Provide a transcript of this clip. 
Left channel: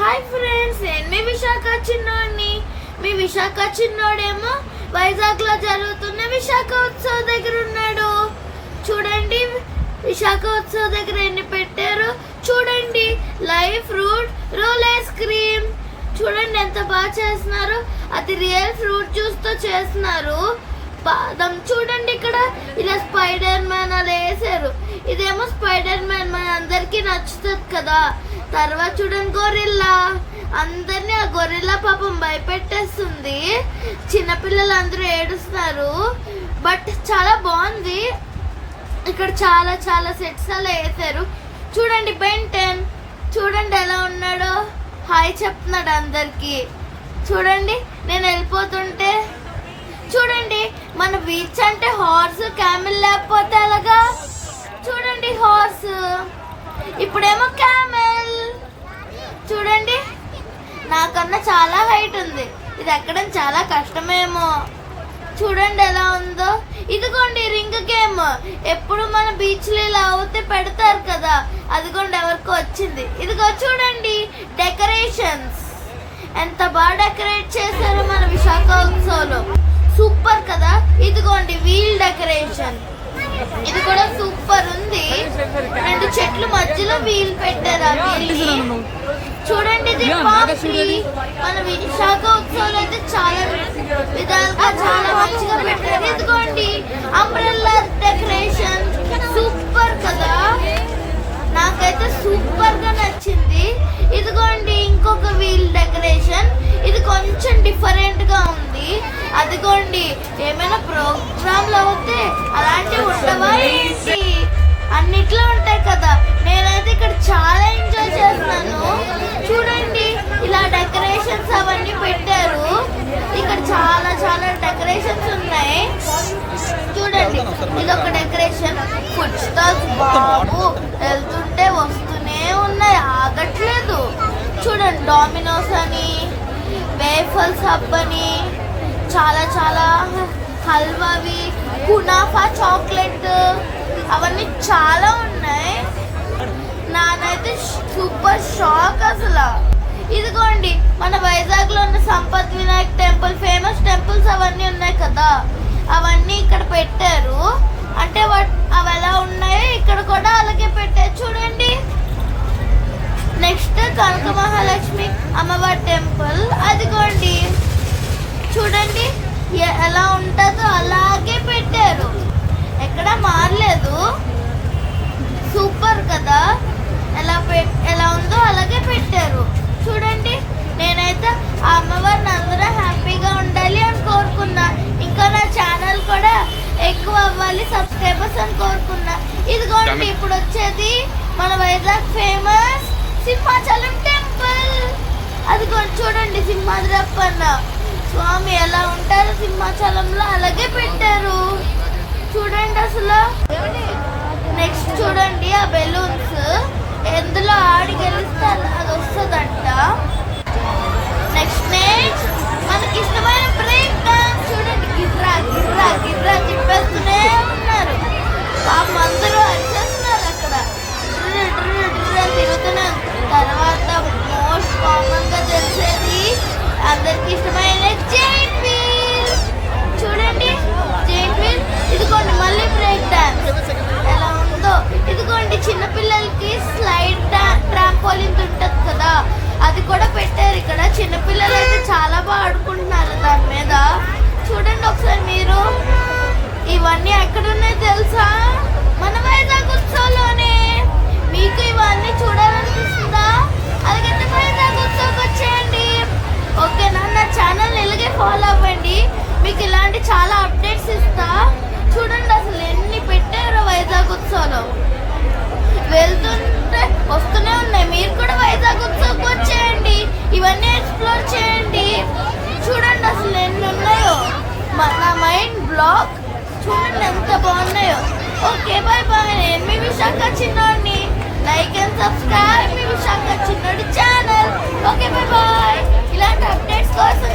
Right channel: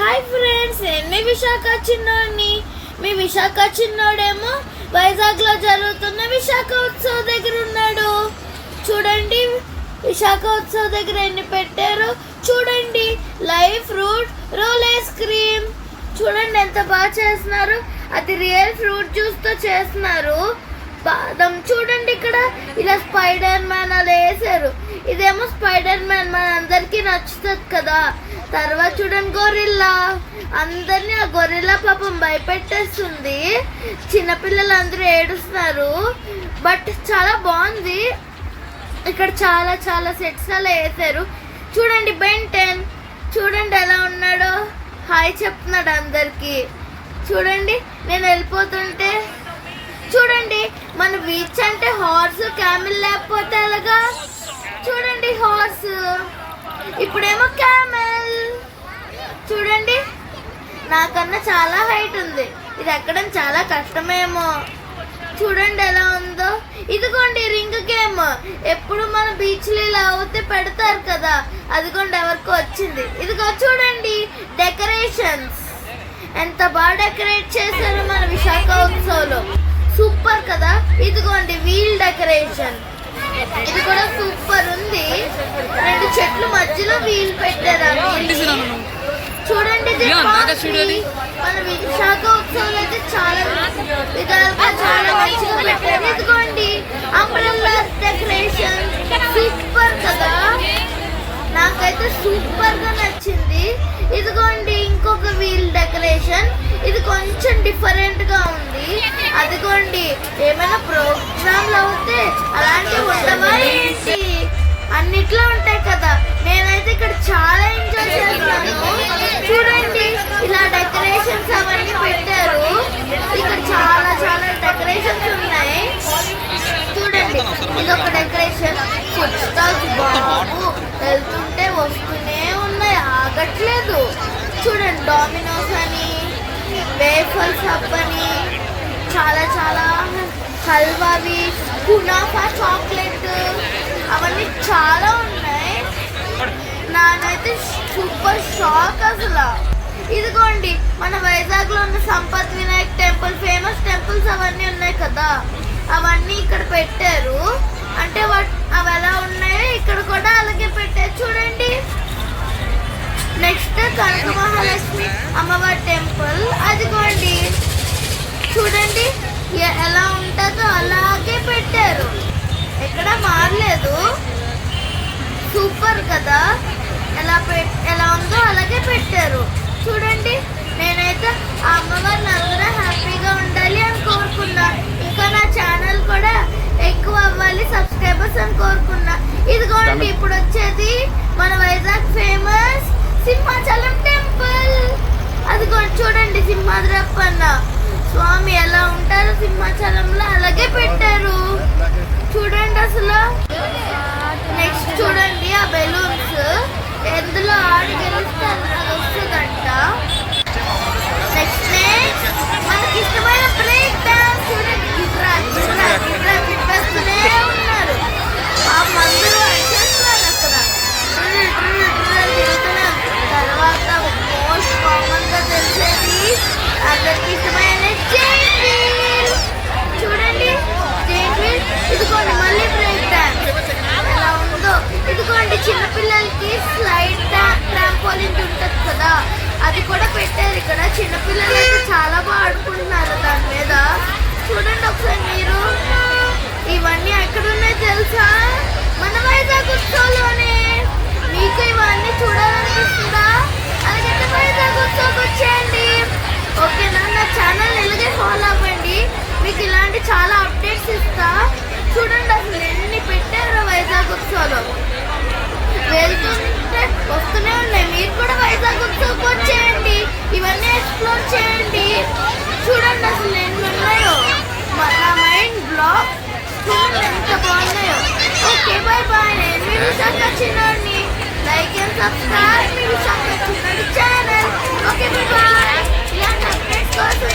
Hi friends, నేను మీ విశాఖ చిన్నోడిని. మీ విశాఖ చిన్నోడేమో వైజాగ్లో జరుగుతున్న విశాఖ ఉత్సవం దగ్గర ఉన్నాడు. చూడండి విశాఖ ఉత్సవం దగ్గర ఎన్ని పెట్టారు. చూడండి live fruit role ice cream. చూడండి ఎంత బాగా చేస్తున్నారు. అది రియల్ ఫ్రూట్ జ్యూస్ తో చేస్తున్నారు. బాదం చూడండి, ఇక్కడ ఇలా స్పైడర్ మ్యాన్ అలా వేసారు. ఇదేమో స్పైడర్ మ్యాన్ మన అందరికి నచ్చుతుంది కదా. తర్వాత చూడండి గొరిల్లా, అందరినీ ఆ గొరిల్లా పాపం భయపెట్టేస్తుంది. చిన్నపిల్లలు అందరూ ఏడుస్తున్నారు. బట్ చాలా బాగుంది. ఇక్కడ చాలా చాలా సెట్స్ అలా వేసారు. చూడండి బెన్ 10 చూడండి ఎలా ఉన్నాడో, హాయ్ చెప్తున్నాడు అందరికి. చూడండి నేను వెళ్ళిపోతుంటే చూడండి మన బీచ్ అంటే హార్స్ క్యామెల్ లేకపోతే ఎలాగా. చూడండి హార్స్, ఇప్పుడేమో క్యామెల్. చూడండి నాకన్నా చాలా హైట్ ఉంది. ఇది ఎక్కడం చాలా కష్టమేమో. చూడండి ఎలా ఉందో. ఇదిగోండి రింగ్ గేమ్. ఎప్పుడు మన బీచ్ లో ఇలా అవుతే పెడతారు కదా, అదిగోండి ఎవరికో వచ్చింది. ఇదిగో చూడండి డెకరేషన్స్ ఎంత బాగా డెకరేట్ చేశారు మన విశాఖ ఉత్సవంలో. సూపర్ కదా. ఇదిగోండి వీల్ డెకరేషన్, ఇది కూడా సూపర్ ఉంది. 2 చెట్లు మధ్యలో వీల్ పెట్టారు. ఆ వీల్ చూడండి ఇది మన విశాఖ ఉత్సవం అయితే చాలా విధాలుగా చాలా మంచిగా పెట్టారు. ఇదిగోండి అంబ్రెల్లా డెకరేషన్ సూపర్ కదా, నాకైతే సూపర్ గా నచ్చింది. ఇదిగోండి ఇంకొక వీల్ డెకరేషన్, ఇది కొంచెం డిఫరెంట్ గా ఉంది. అదిగోండి ఏమైనా ప్రోగ్రాంలు అవుతే అలాంటివి ఉండవా ఏంటి? అన్నిట్లో ఉంటాయి కదా. నేనైతే ఇక్కడ చాలా ఎంజాయ్ చేస్తాను. చూడండి ఇలా డెకరేషన్స్ అవన్నీ పెట్టారు. ఇక్కడ చాలా చాలా డెకరేషన్స్ ఉన్నాయి. చూడండి ఇదొక డెకరేషన్. ఫుడ్ స్టాల్స్ బాబు వెళ్తుంటే వస్తూనే ఉన్నాయి, ఆగట్లేదు. చూడండి డామినోస్ అని, వేఫల్స్ హబ్ అని, చాలా చాలా హల్వావి, కునాఫా చాక్లెట్ అవన్నీ చాలా ఉన్నాయి. నానైతే సూపర్ షాక్ అసలు. ఇదిగోండి మన వైజాగ్ లో ఉన్న Sampath Vinayak temple, famous temples అవన్నీ ఉన్నాయి కదా, అవన్నీ ఇక్కడ పెట్టారు. అంటే అవి ఎలా ఉన్నాయో ఇక్కడ కూడా అలాగే పెట్టారు. చూడండి నెక్స్ట్ కనక మహాలక్ష్మి అమ్మవారి టెంపుల్. అదిగోండి చూడండి ఎలా ఉంటుందో అలాగే పెట్టారు, ఎక్కడ మారలేదు. సూపర్ కదా, ఎలా ఉందో అలాగే పెట్టారు. చూడండి నేనైతే ఆ అమ్మవారిని అందరూ హ్యాపీగా ఉండాలి అని కోరుకున్నా. ఇంకా నా ఛానల్ కూడా ఎక్కువ అవ్వాలి, సబ్స్క్రైబర్స్ అని కోరుకున్నా. ఇదిగోండి ఇప్పుడు వచ్చేది మన వైజాగ్ ఫేమస్ సింహాచలం టెంపుల్. అదిగోండి చూడండి సింహాద్రప్పన్న స్వామి ఎలా ఉంటారో సింహాచలంలో అలాగే పెట్టారు. చూడండి అసలు. నెక్స్ట్ చూడండి ఆ బెలూన్స్, ఎందులో ఆడి గెలిస్తే అది వస్తుందంట. నెక్స్ట్ మనకి ఇష్టమైన బ్రేక్ డాన్స్. చూడండి గిర్రా గిర్రా గిర్రా తిప్పేస్తూనే ఉన్నారు. పాపం అందరూ వచ్చేస్తున్నారు అక్కడ, తిరుగుతున్నారు. తర్వాత మోస్ట్ కామన్ గా తెలిసేది అందరికి ఇష్టమైన జైంట్ వీల్. చూడండి జైంట్ వీల్. ఇదిగోండి మళ్ళీ బ్రేక్ డాన్స్ ఎలా ఉందో. ఇదిగోండి చిన్నపిల్లలకి స్లైడ్ ట్రాంపోలిన్ ఉంటుంది కదా, అది కూడా పెట్టారు ఇక్కడ. చిన్నపిల్లలు అయితే చాలా బాగా ఆడుకుంటున్నారు దాని మీద. చూడండి ఒకసారి మీరు. ఇవన్నీ ఎక్కడున్నాయి తెలుసా? మన వైజాగ్ ఉత్సవంలోనే. మీకు ఇవన్నీ చూడాలనిపిస్తుందా? అలాగే వైజాగ్ ఉత్సవంకి వచ్చేయండి. ఓకేనా? నా ఛానల్ ఇలాగే ఫాలో అవ్వండి, మీకు ఇలాంటి చాలా అప్డేట్స్ ఇస్తా. చూడండి అసలు ఎన్ని పెట్టారో వైజాగ్ ఉత్సవంలో. వెళ్తుంటే వస్తూనే ఉన్నాయి. మీరు కూడా వైజాగ్ ఉత్సవంకి వచ్చేయండి, ఇవన్నీ ఎక్స్ప్లోర్ చేయండి. చూడండి అసలు ఎన్ని ఉన్నాయో. నా మైండ్ బ్లాక్. చూడండి ఎంత బాగున్నాయో. Okay bye bye. నేను మీ విశాఖ చిన్నోడిని. లైక్ అండ్ సబ్స్క్రైబ్ మీ విశాఖ చిన్నోడి ఛానల్. Okay bye bye. ఇలాంటి అప్డేట్స్ కోసం